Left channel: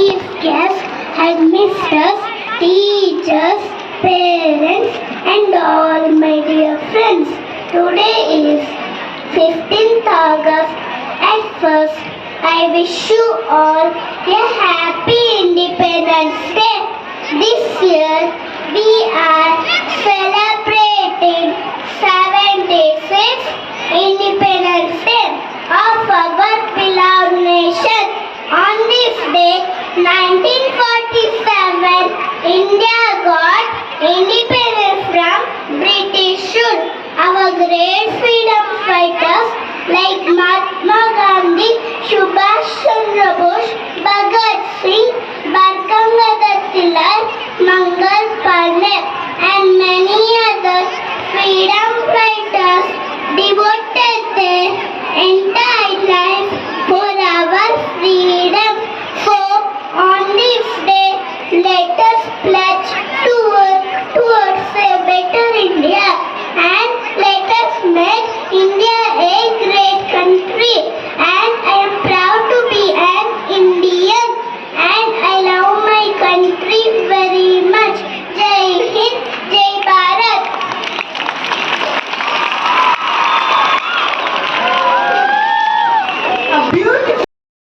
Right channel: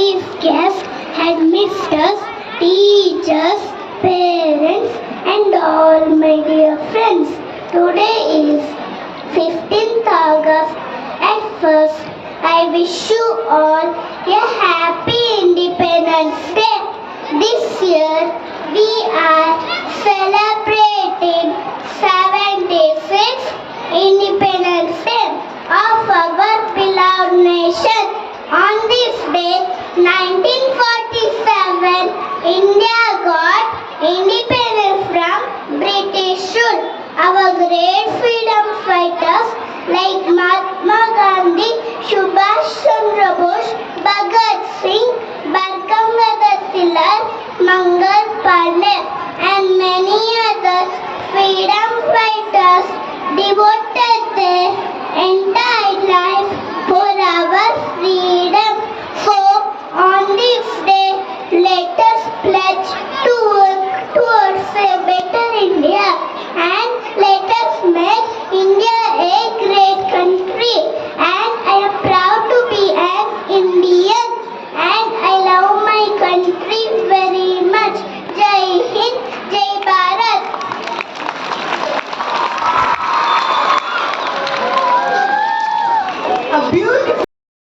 These guests, headmasters, teachers, parents, and all my dear friends. Today is 15th August. At first, I wish you all a